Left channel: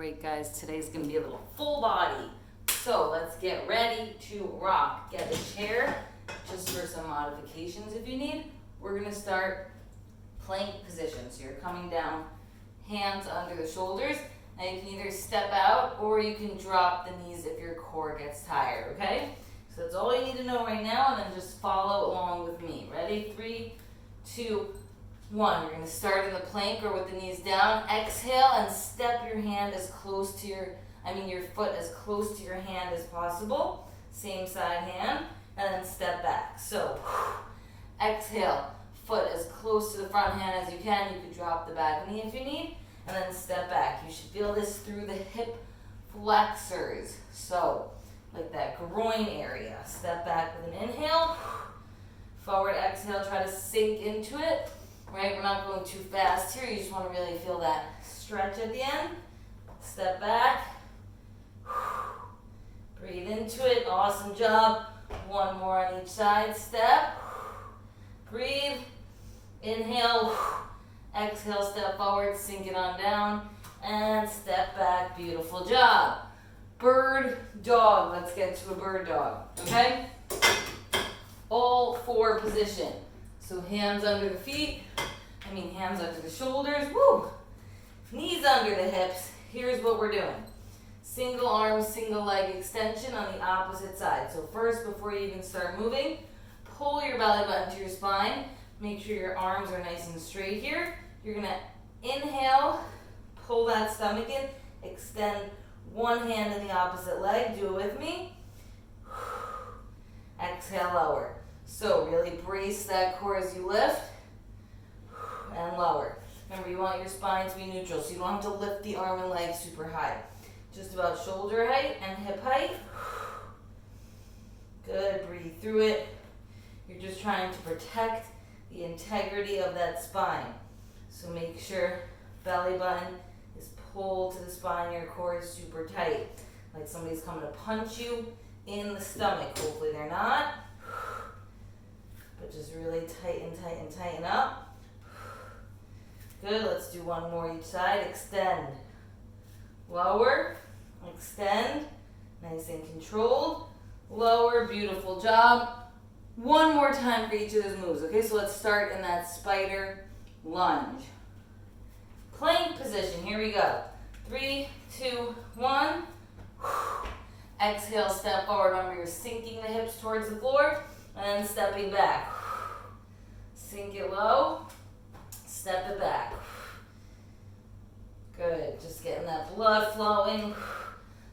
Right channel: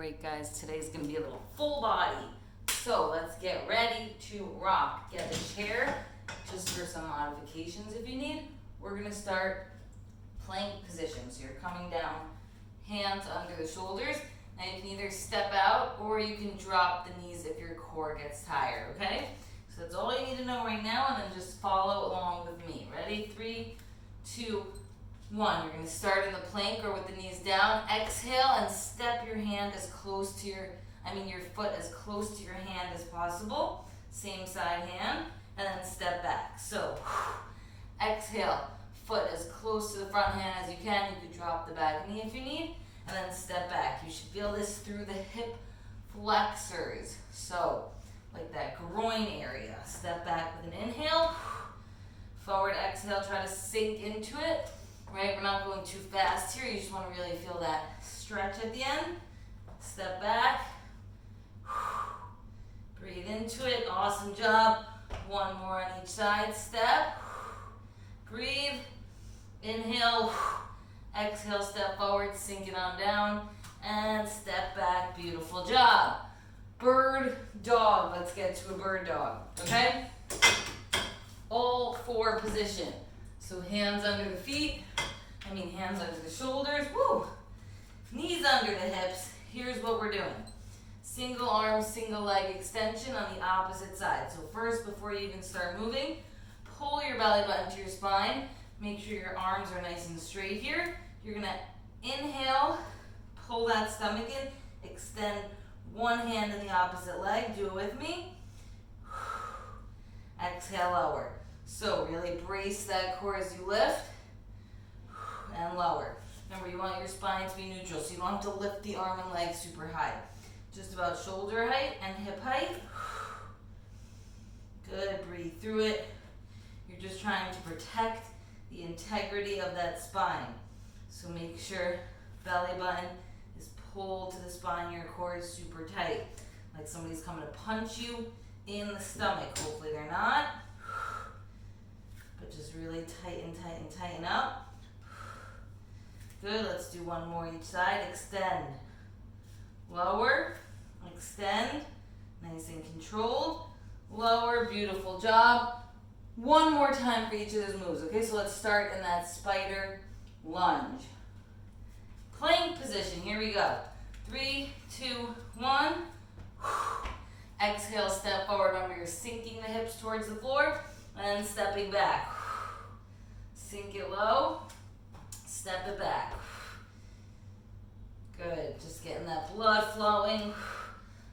Great, guys. Today's gonna be a little full body. So let's get ready to rock. Get a chair just for some modifications if you need. We're gonna start plank position. So you're coming down, hands under the shoulders, and you can either step out or you can drop the knees if your core gets tired, okay? So that's all you need to know right now, and then just follow along with me. Ready? 3, 2, 1. You're going to start in the plank or with the knees down. Exhale and step your hand as close to your foot as close to your hand as possible. Same side hand, and then step back. So, exhale, foot as close to the front hand as you can. You could drop the back knee if you need, and then step back. You should feel this through the hip flexors. So, like that groin area. Step back with an inhale. Forward exhale, try to sink into it. Right, we're not going too fast here. You just want to really feel that stretch at the end. Step back. Breathe into it. Awesome job. One more on each side. Step. Breathe. Inhale. Exhale, step forward, sink it on down. And step back. Beautiful job. Bird dog. Let's get to a bird dog. Okay? All 4 position. So hands under the feet. Hands under the shoulders. Woo! Knees under the hips. Here's what we're doing. Single arm, single leg extension on the opposite side. So first, before you even start moving, pull your belly button to your spine. Make sure your arms are nice and straight here. You're going to inhale, pull that stomach in, extend one hand in the opposite leg. Do it with me. Exhale, lower. So really brace that core as you lift and lower. Remember, you want your spine to be neutral, so you don't have to lift the arm and leg super high. Just about shoulder height and hip height. Good, breathe through it. You're just trying to protect the integrity of that spine. So make sure belly button is pulled to the spine, your core is super tight. Like somebody's coming to punch you in the stomach. Hopefully they're not. But just really tighten up. Good, let's do one more each side. Extend, lower, extend, nice and controlled, lower, beautiful job. One more time for each of those moves, okay? So let's start in that spider lunge. Plank position, here we go. 3, 2, 1. Exhale, step forward. Remember, you're sinking the hips towards the floor and stepping back. Sink it low. Step it back. Good. Just getting that blood flowing.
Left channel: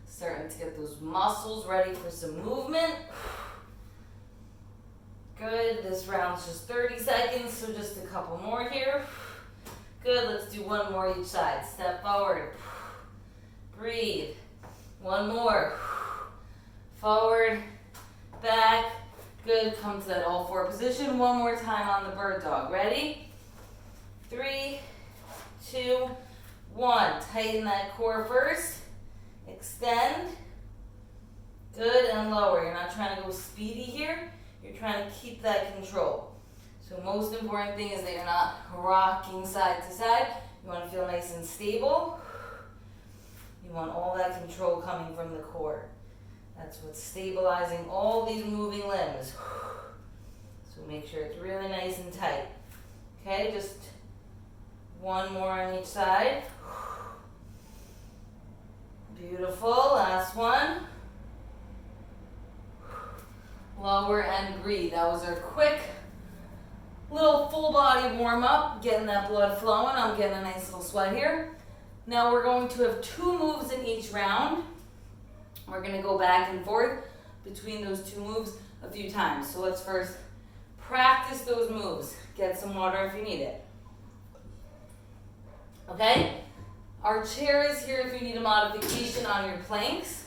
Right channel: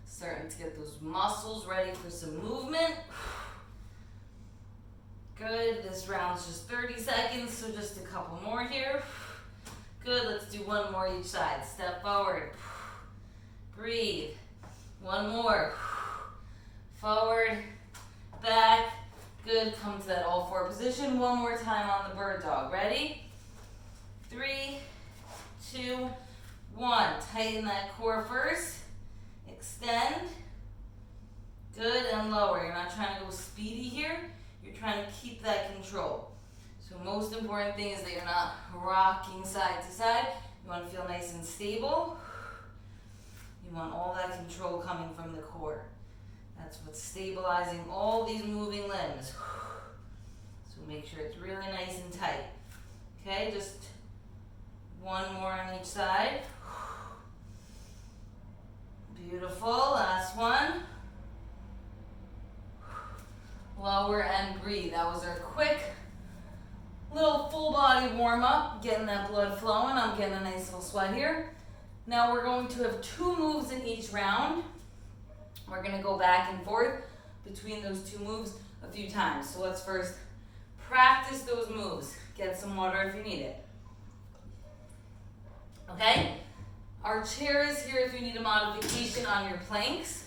Starting to get those muscles ready for some movement. Good. This round's just 30 seconds, so just a couple more here. Good. Let's do one more each side. Step forward. Breathe. One more. Forward. Back. Good. Come to that all 4 position. One more time on the bird dog. Ready? 3, 2, 1. Tighten that core first. Extend. Good, and lower. You're not trying to go speedy here. You're trying to keep that control. So most important thing is that you're not rocking side to side. You want to feel nice and stable. You want all that control coming from the core. That's what's stabilizing all these moving limbs. So make sure it's really nice and tight. Okay, just one more on each side. Beautiful. Last one. Lower and breathe. That was our quick little full body warm up. Getting that blood flowing. I'm getting a nice little sweat here. Now we're going to have 2 moves in each round. We're going to go back and forth between those 2 moves a few times. So let's first practice those moves. Get some water if you need it. Okay? Our chair is here if you need a modification on your planks.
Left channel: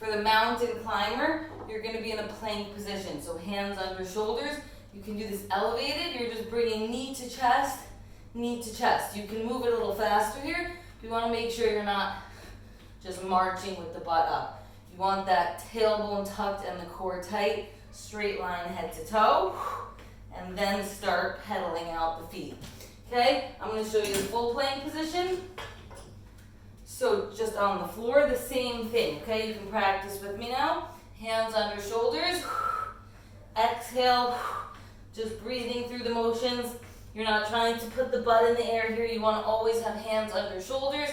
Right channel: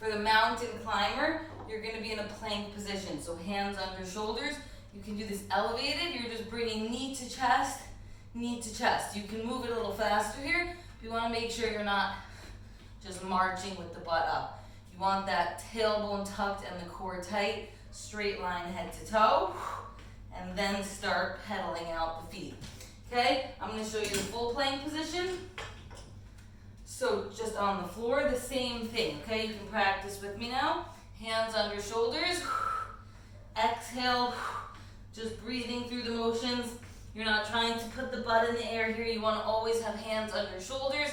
For the mountain climber, you're going to be in a plank position. So hands under shoulders. You can do this elevated. You're just bringing knee to chest, knee to chest. You can move it a little faster here. You want to make sure you're not just marching with the butt up. You want that tailbone tucked and the core tight. Straight line head to toe. And then start pedaling out the feet. Okay, I'm going to show you the full plank position. So just on the floor, the same thing, okay? You can practice with me now. Hands under shoulders. Exhale, just breathing through the motions. You're not trying to put the butt in the air here. You want to always have hands under shoulders.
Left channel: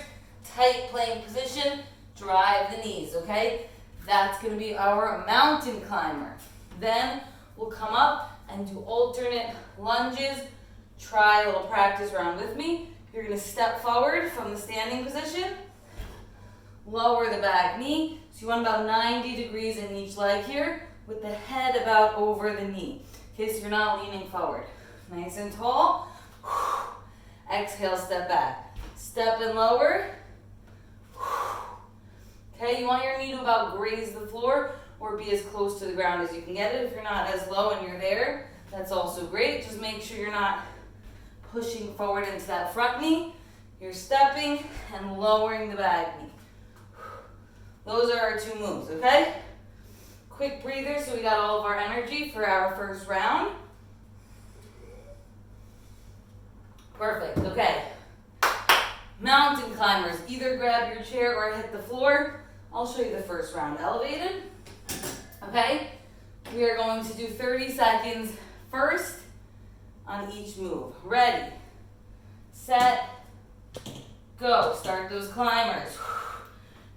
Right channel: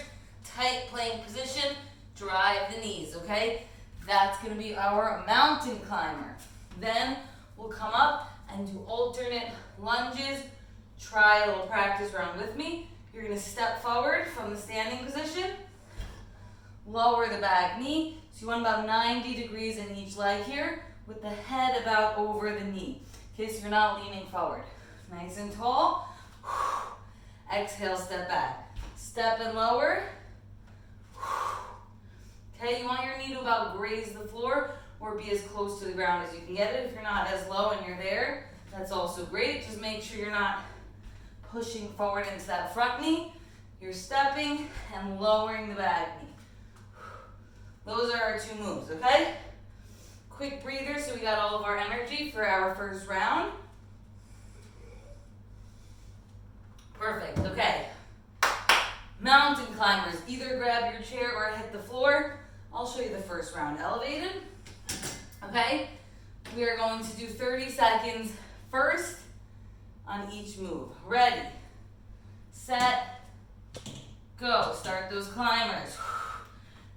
Tight plank position. Drive the knees, okay? That's going to be our mountain climber. Then we'll come up and do alternate lunges. Try a little practice round with me. You're going to step forward from the standing position. Lower the back knee. So you want about 90 degrees in each leg here with the head about over the knee. Okay, so you're not leaning forward. Nice and tall. Exhale, step back. Step and lower. Okay, you want your knee to about graze the floor or be as close to the ground as you can get it. If you're not as low and you're there, that's also great. Just make sure you're not pushing forward into that front knee. You're stepping and lowering the back knee. Those are our two moves, okay? Quick breather so we got all of our energy for our first round. Perfect, okay. Mountain climbers, either grab your chair or hit the floor. I'll show you the first round. Elevated, okay? We are going to do 30 seconds first on each move. Ready, set, go. Start those climbers.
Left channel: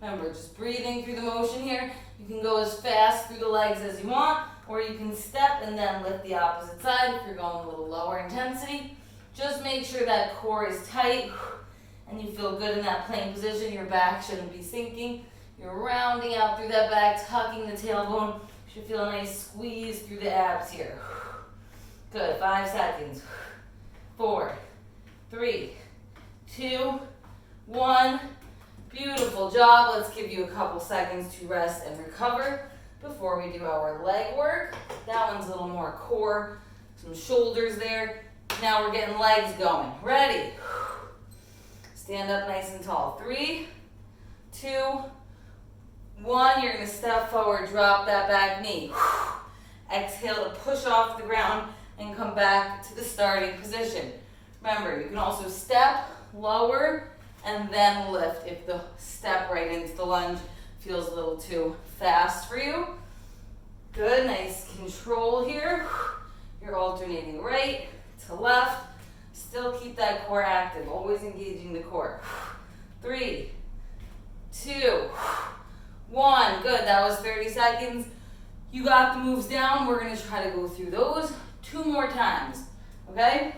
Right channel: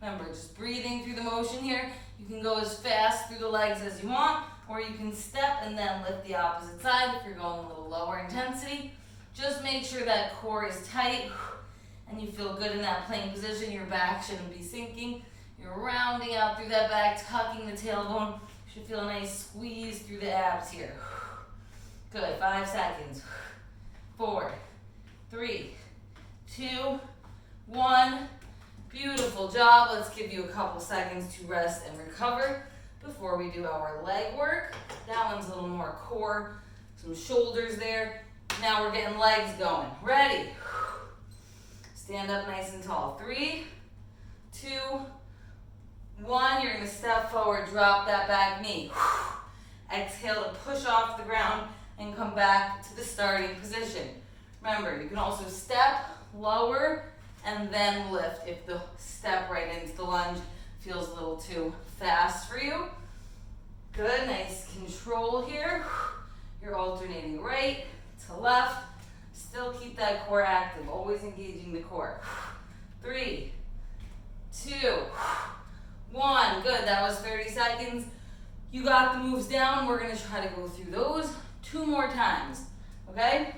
Remember, just breathing through the motion here. You can go as fast through the legs as you want, or you can step and then lift the opposite side if you're going a little lower intensity. Just make sure that core is tight and you feel good in that plank position. Your back shouldn't be sinking. You're rounding out through that back, tucking the tailbone. You should feel a nice squeeze through the abs here. Good, 5 seconds. 4, 3, 2, 1. Beautiful job. Let's give you a couple seconds to rest and recover before we do our leg work. That one's a little more core, some shoulders there. Now we're getting legs going. Ready? Stand up nice and tall. 3, 2, 1. You're going to step forward, drop that back knee. Exhale to push off the ground and come back to the starting position. Remember, you can also step, lower, and then lift if the step right into the lunge feels a little too fast for you. Good, nice control here. You're alternating right to left. Still keep that core active, always engaging the core. 3, 2, 1. Good, that was 30 seconds. You got the moves down. We're gonna try to go through those 2 more times, okay?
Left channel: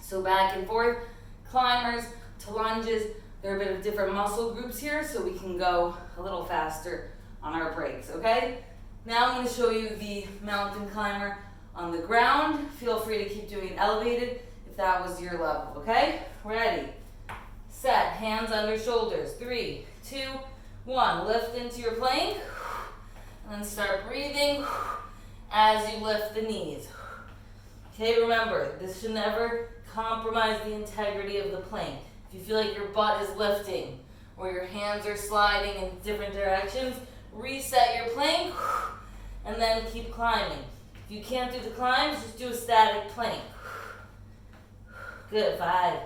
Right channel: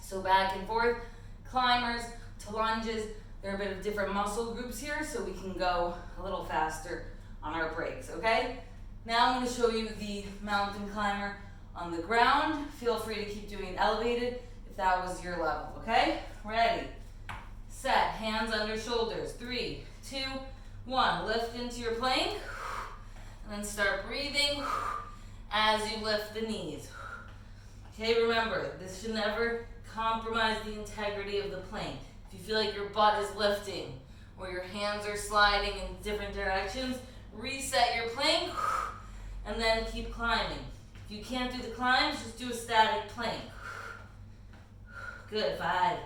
So back and forth, climbers to lunges. There are a bit of different muscle groups here, so we can go a little faster on our breaks, okay? Now I'm going to show you the mountain climber on the ground. Feel free to keep doing it elevated if that was your level, okay? Ready, set, hands under shoulders. 3, 2, 1. Lift into your plank, and then start breathing as you lift the knees. Okay, remember, this should never compromise the integrity of the plank. If you feel like your butt is lifting or your hands are sliding in different directions, reset your plank and then keep climbing. If you can't do the climbs, just do a static plank. Good, 5,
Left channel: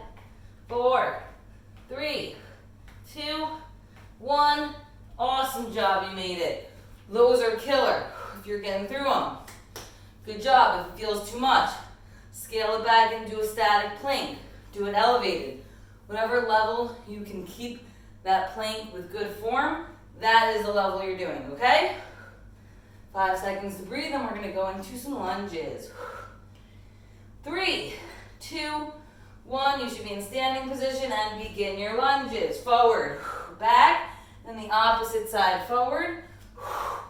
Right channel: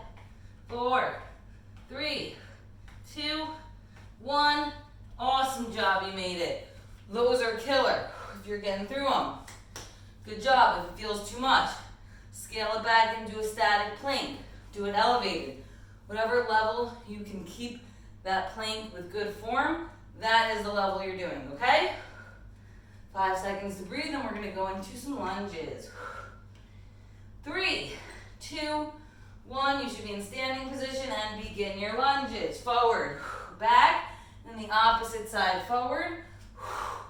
4, 3, 2, 1. Awesome job, you made it. Those are killer if you're getting through them. Good job. If it feels too much, scale it back and do a static plank. Do it elevated. Whatever level you can keep that plank with good form, that is the level you're doing, okay? 5 seconds to breathe, and we're gonna go into some lunges. 3, 2, 1. You should be in standing position and begin your lunges. Forward, back, and the opposite side forward.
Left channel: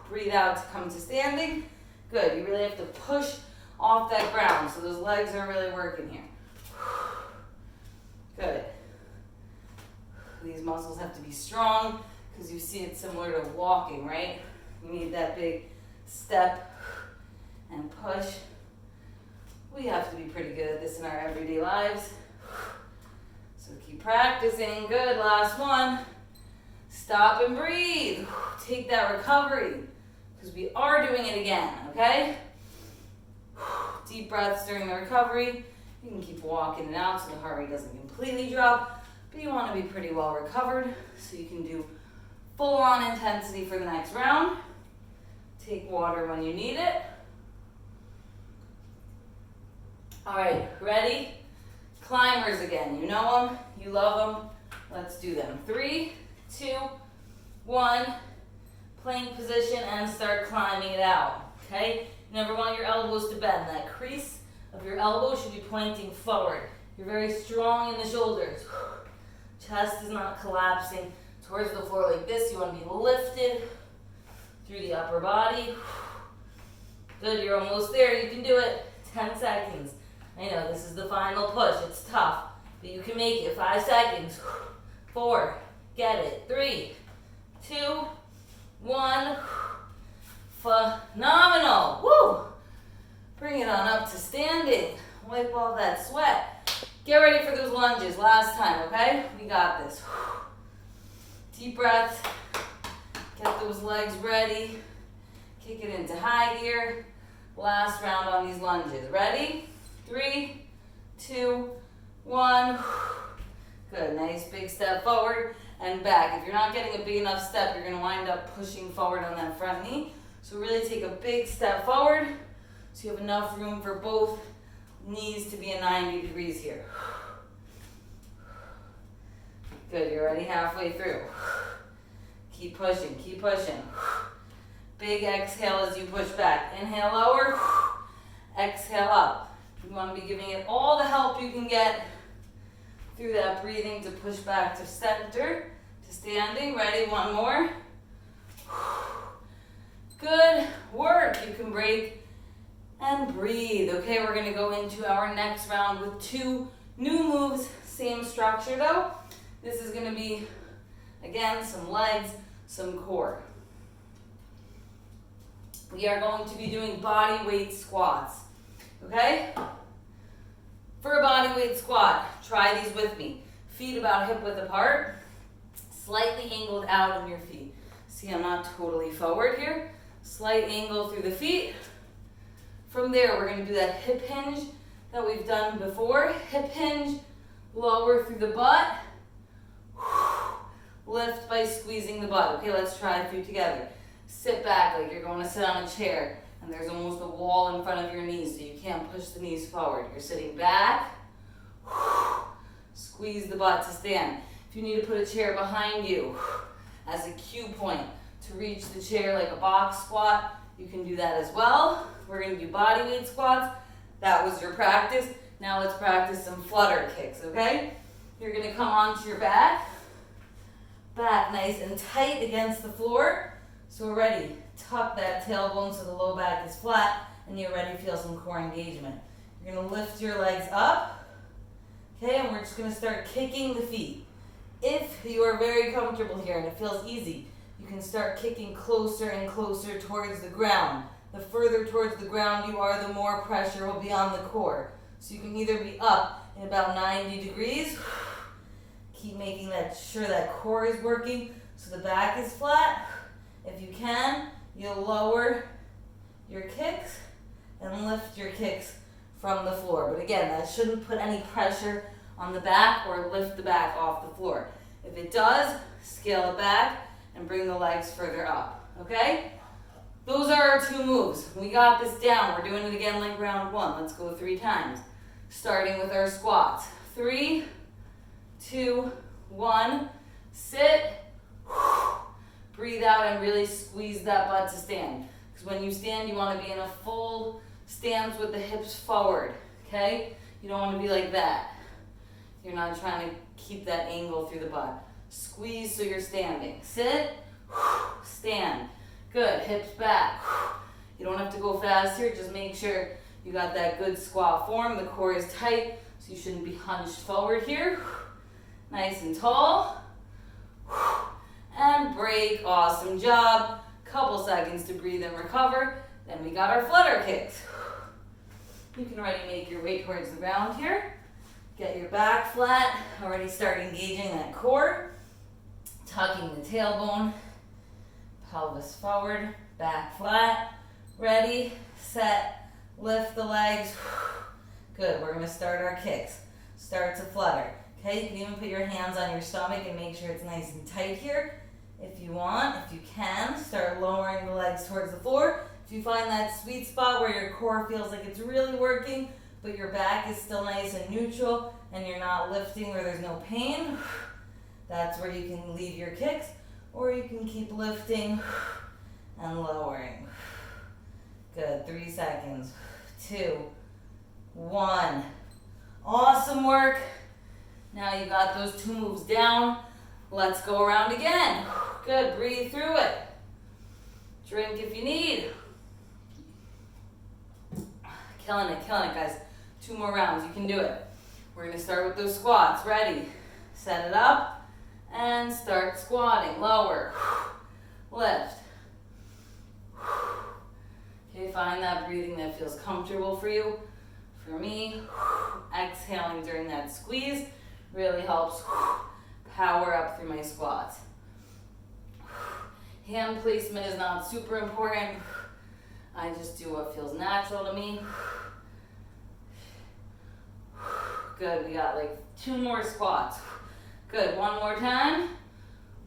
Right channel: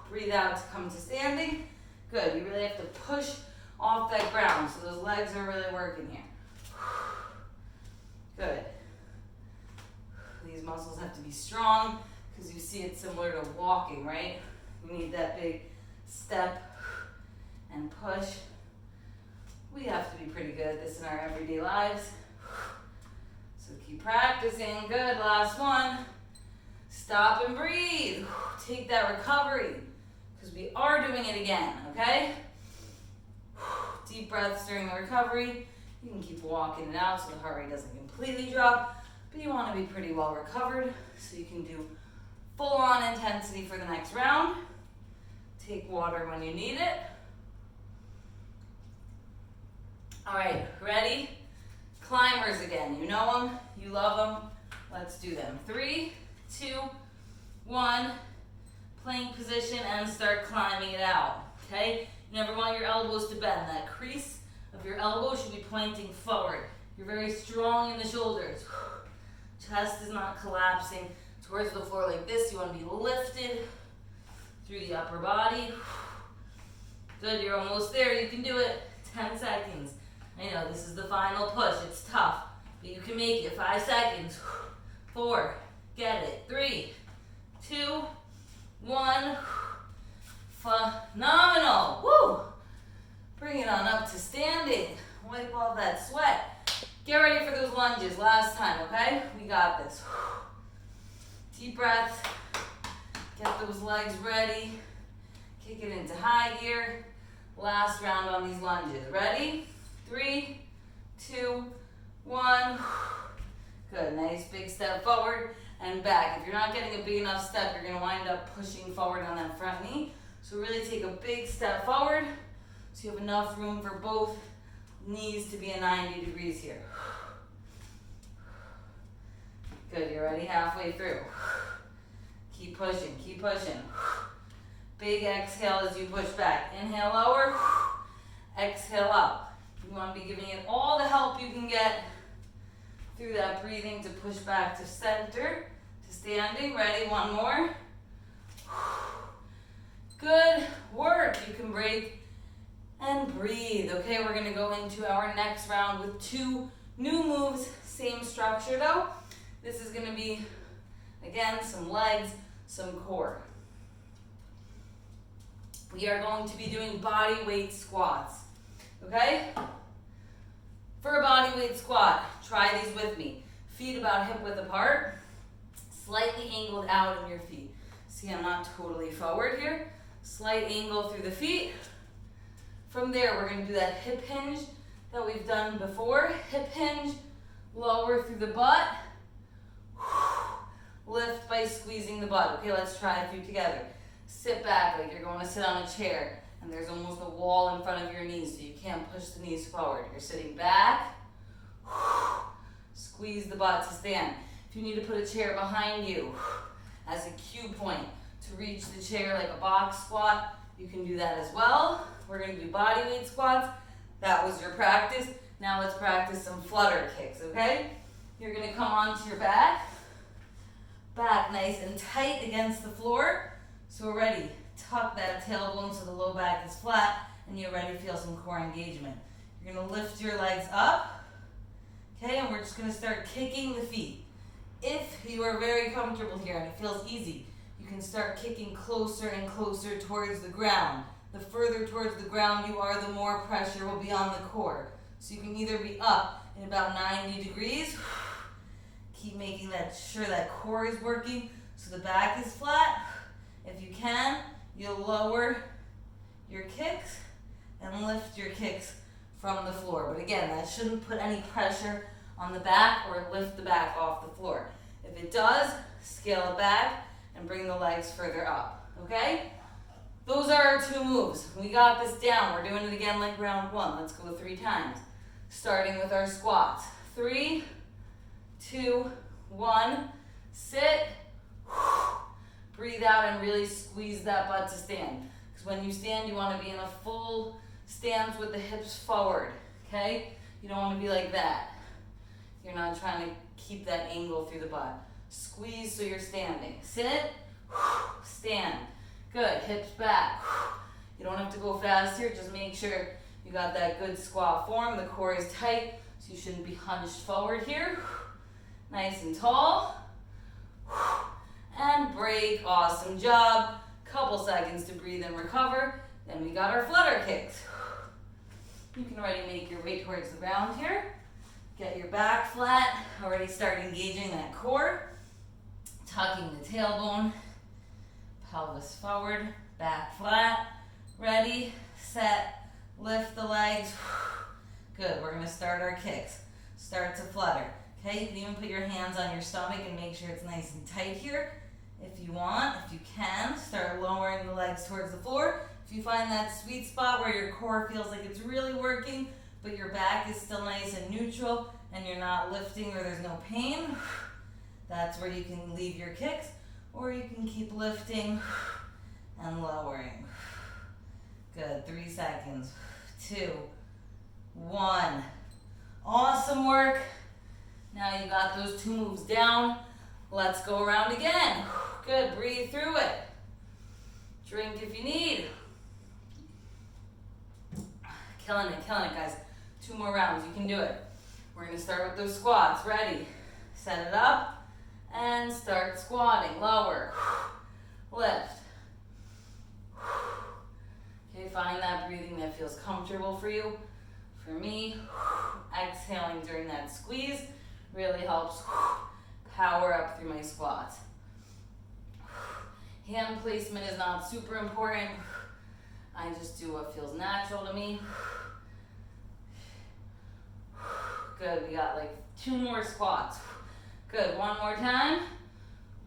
Breathe out to come to standing. Good, you really have to push off that ground, so those legs are really working here. Good. These muscles have to be strong because you see it's similar to walking, right? You need that big step and push. We have to be pretty good at this in our everyday lives. So keep practicing. Good, last one. Stop and breathe. Take that recovery because we are doing it again, okay? Deep breaths during the recovery. You can keep walking it out so the heart rate doesn't completely drop. but you want to be pretty well recovered so you can do full on intensity for the next round. Take water when you need it. All right, ready? Climbers again. You know them, you love them. Let's do them. 3, 2, 1. Plank position and start climbing it out. Okay? You never want your elbows to bend. That crease of your elbow should be pointing forward. You're very strong in the shoulders. Chest is not collapsing towards the floor like this. You want to be lifted through the upper body. Good, you're almost there. You can do it. 10 seconds. I know this is the final push. It's tough, but you can make it. 5 seconds. 4, get it. 3, 2, 1. Phenomenal. Woo! Bring it on up to standing. Wipe all that sweat. Get ready for those lunges. Last time, okay? We got this. Deep breath. Get those legs ready. Kick it into high gear. Last round on these lunges. Ready? 3, 2, 1. Good. Nice big step forward and back. If you're not getting a big enough step, you're going to wind up pushing forward on that front knee. So really take a big step forward so you have enough room for both knees to be at 90 degrees here. Good. You're already halfway through. Keep pushing. Keep pushing. Big exhale as you push back. Inhale lower. Exhale up. You want to be giving it all the help you can get through that breathing to push back to center, to standing. Ready? One more. Good work. You can break and breathe. Okay, we're going to go into our next round with 2 new moves. Same structure though. This is going to be, again, some legs, some core. We are going to be doing body weight squats. Okay? For a body weight squat, try these with me. Feet about hip width apart, slightly angled out in your feet. See, I'm not totally forward here. Slight angle through the feet. From there, we're going to do that hip hinge that we've done before. Hip hinge, lower through the butt. Lift by squeezing the butt. Okay, let's try a few together. Sit back like you're going to sit on a chair and there's almost a wall in front of your knees so you can't push the knees forward. You're sitting back. Squeeze the butt to stand. If you need to put a chair behind you as a cue point to reach the chair like a box squat, you can do that as well. We're going to do body weight squats. That was your practice. Now let's practice some flutter kicks, okay? You're going to come onto your back. Back nice and tight against the floor. So we're ready. Tuck that tailbone so the low back is flat and you already feel some core engagement. You're going to lift your legs up. Okay, and we're just going to start kicking the feet. If you are very comfortable here and it feels easy, you can start kicking closer and closer towards the ground. The further towards the ground you are, the more pressure will be on the core. So you can either be up in about 90 degrees. Keep making sure that core is working so the back is flat. If you can, you'll lower your kicks and lift your kicks from the floor. But again, that shouldn't put any pressure on the back or lift the back off the floor. If it does, scale it back and bring the legs further up, okay? Those are our 2 moves. We got this down. We're doing it again like round 1. Let's go 3 times. Starting with our squats. 3, 2, 1. Sit. Breathe out and really squeeze that butt to stand. Because when you stand, you want to be in a full stance with the hips forward, okay? You don't want to be like that. You're not trying to keep that angle through the butt. Squeeze so you're standing. Sit, stand. Good, hips back. You don't have to go fast here, just make sure you got that good squat form. The core is tight, so you shouldn't be hunched forward here. Nice and tall. And break, awesome job. Couple seconds to breathe and recover. Then we got our flutter kicks. You can already make your way towards the ground here. Get your back flat, already start engaging that core. Tucking the tailbone, pelvis forward, back flat. Ready, set, lift the legs. Good, we're gonna start our kicks. Start to flutter. Okay, you can even put your hands on your stomach and make sure it's nice and tight here. If you want, if you can, start lowering the legs towards the floor. If you find that sweet spot where your core feels like it's really working, but your back is still nice and neutral and you're not lifting or there's no pain, that's where you can leave your kicks, or you can keep lifting and lowering. Good, 3 seconds, 2, 1. Awesome work. Now you got those 2 moves down. Let's go around again. Good, breathe through it. Drink if you need. Killing it, guys. 2 more rounds, you can do it. We're gonna start with those squats. Ready? Set it up and start squatting. Lower, lift. Okay, find that breathing that feels comfortable for you. For me, exhaling during that squeeze really helps power up through my squats. Hand placement is not super important. I just do what feels natural to me. Good, we got like 2 more squats. Good, 1 more time.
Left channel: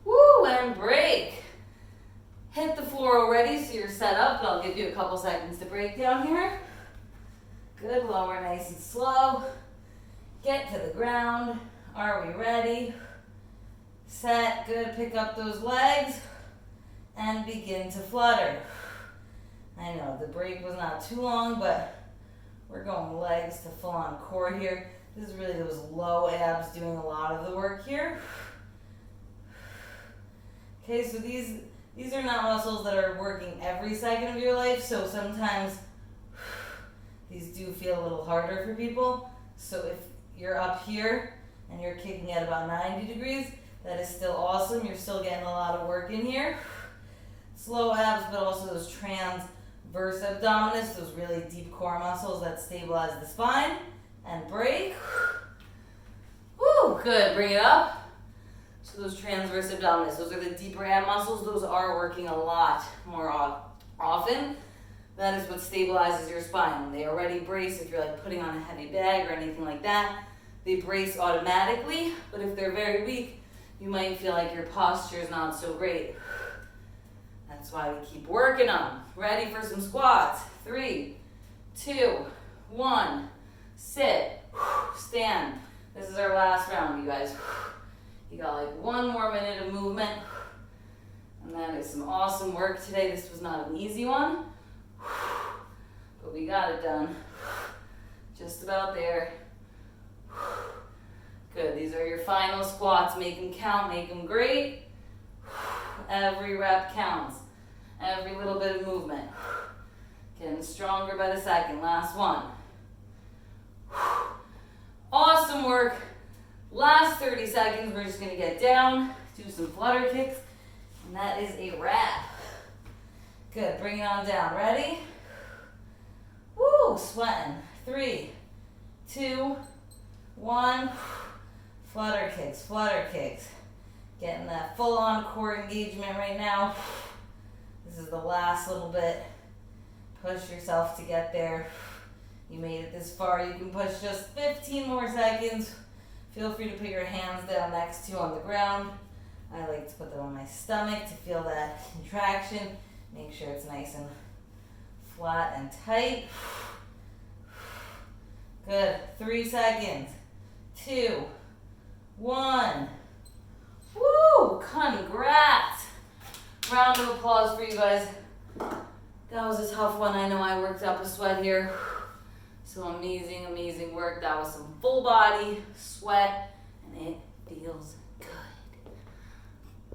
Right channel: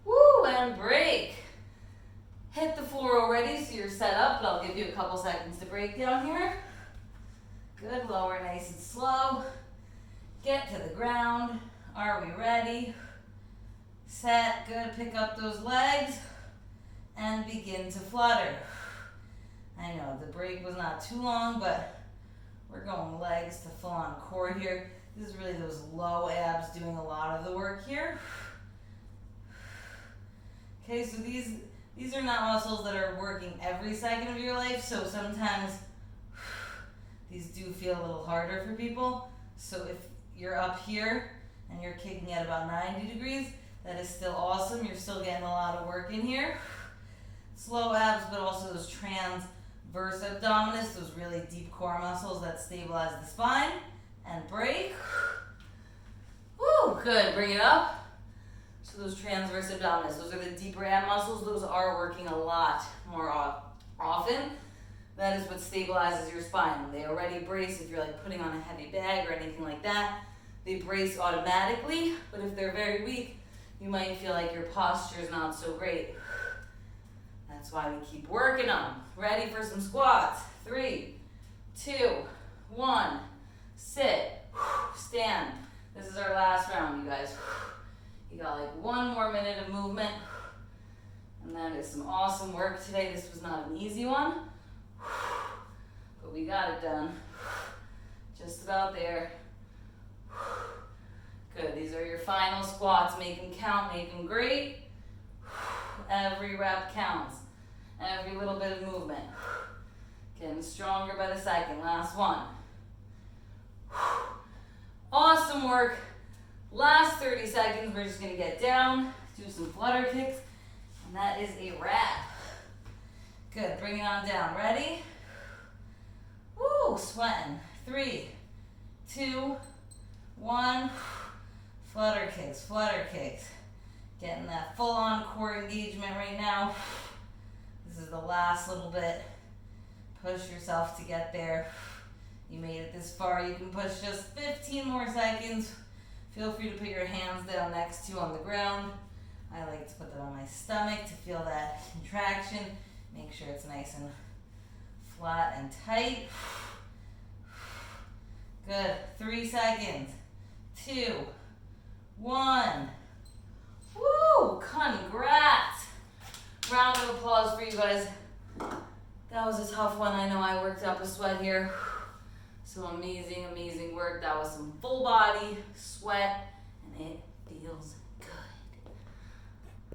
Woo, and break. Hit the floor already, so you're set up, but I'll give you a couple seconds to break down here. Good, lower nice and slow. Get to the ground. Are we ready? Set, good, pick up those legs and begin to flutter. I know the break was not too long, but we're going legs to full on core here. This is really those low abs doing a lot of the work here. Okay, so these are not muscles that are working every second of your life, so sometimes these do feel a little harder for people. So if you're up here and you're kicking at about 90 degrees, that is still awesome. You're still getting a lot of work in here. Slow abs, but also those transverse abdominis, those really deep core muscles that stabilize the spine. And break. Woo, good, bring it up. So those transverse abdominis, those are the deeper ab muscles. Those are working a lot more often. That is what stabilizes your spine. They already brace if you're like putting on a heavy bag or anything like that. They brace automatically, but if they're very weak, you might feel like your posture is not so great. That's why we keep working them. Ready for some squats. 3, 2, 1. Sit, stand. This is our last round, you guys. You got like 1 more minute of movement. And that is some awesome work today. This was not an easy one, but we got it done. Just about there. Good, these are your final squats. Make them count, make them great. Every rep counts. Every little bit of movement. Getting stronger by the second. Last one. Awesome work. Last 30 seconds, we're just gonna get down, do some flutter kicks, and that is a wrap. Good, bring it on down. Ready? Woo, sweating. 3, 2, 1. Flutter kicks, flutter kicks. Getting that full-on core engagement right now. This is the last little bit. Push yourself to get there. You made it this far. You can push just 15 more seconds. Feel free to put your hands down next to you on the ground. I like to put them on my stomach to feel that contraction. Make sure it's nice and flat and tight. Good. 3 seconds. 2, 1. Woo! Congrats! Round of applause for you guys. That was a tough one. I know I worked up a sweat here. So amazing, amazing work. That was some full body sweat, and it feels